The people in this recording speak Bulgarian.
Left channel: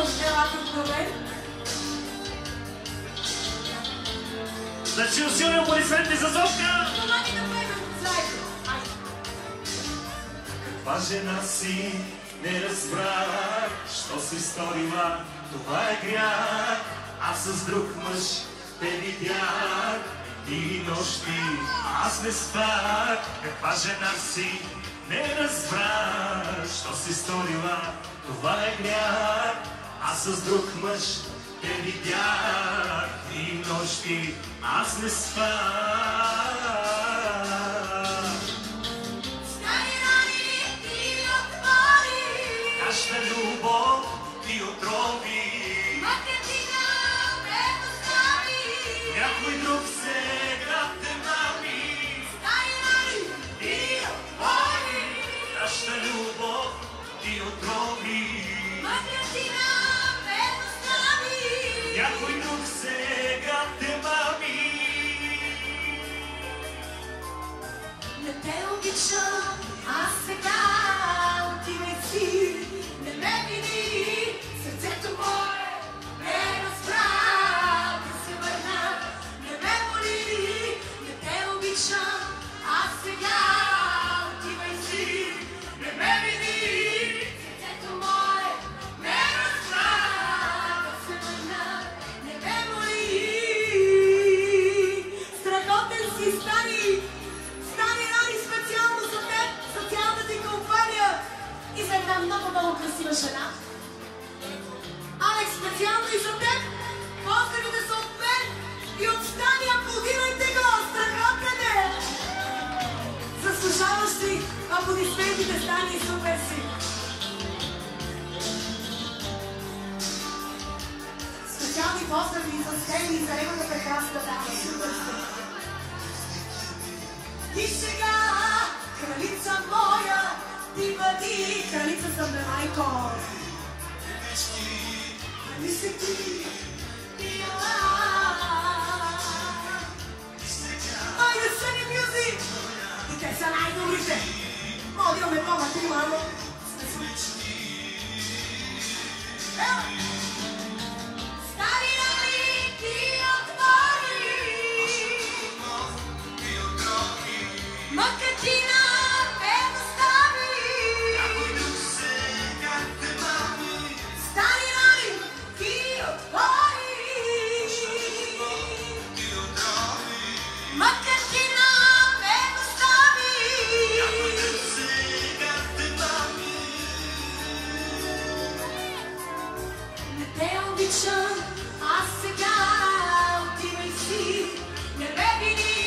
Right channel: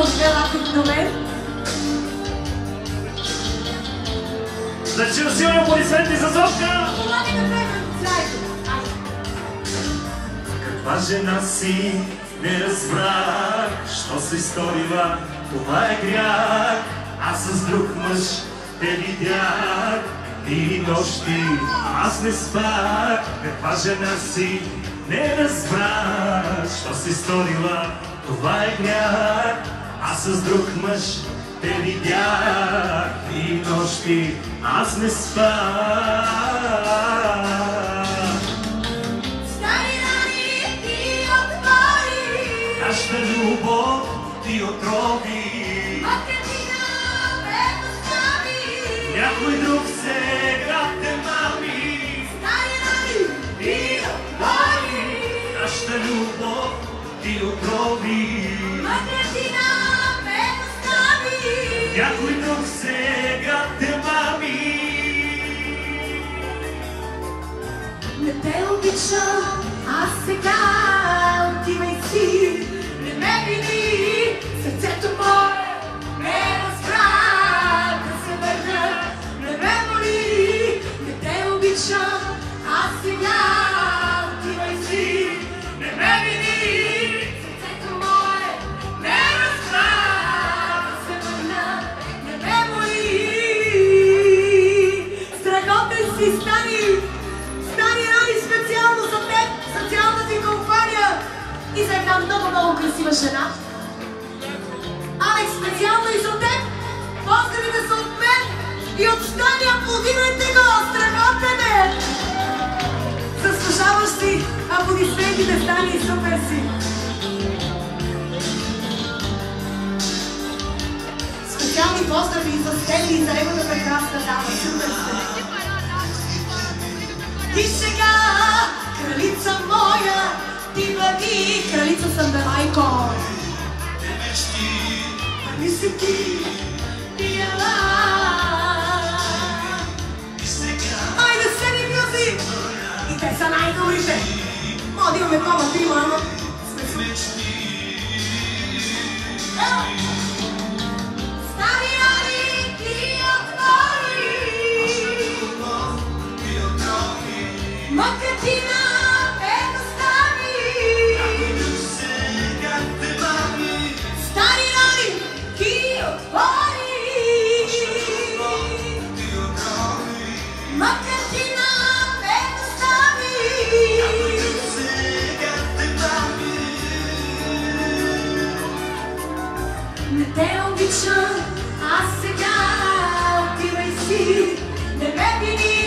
от белата до мен. Да чуя силни аплодисменти за Зока! Каква жена си, не разбрах, що се изторила, това е грях. Аз с друг мъж те видях, дни и нощи аз не спах. Каква жена си, не разбрах, що се изторила, това е грях. Аз с друг мъж те видях, дни и нощи аз не спах. Нашата любов ти отрови, Македина ме постави, някой друг сега те мами. стари рани ти отвори. Нашата любов ти отрови, Македина ме постави, някой друг сега те мами. не те обичам, аз сега отивай си. Не ме вини, сърцето мое не разбра да се върна. Не ме моли, не те обичам, аз сега отивай си. Не ме вини, сърцето мое не разбра да се върна. Не ме моли, страхотен си стани. Стани рани специално за теб, за цялата ти компания и за една много красива жена. Алекс, специално и за теб, поздравите са от мен и от Стани, аплодирайте го, страхотен е! Заслужаваш си аплодисментите, Стани, супер си! Специални поздрави за Стени и за неговата прекрасна дама, супер сте! И сега, кралица моя, ти бъди, кралица съм бе, майко. Нали си ти, пияла. Айде, Сени Мюзик! И те са най-добрите. Може да имаме кома, трима, ама сме си. Стари рани ти отвори, Македина ме достави, стари рани ти отвори, Македина ме достави. Не те обичам, аз сега отивай си. Не ме вини,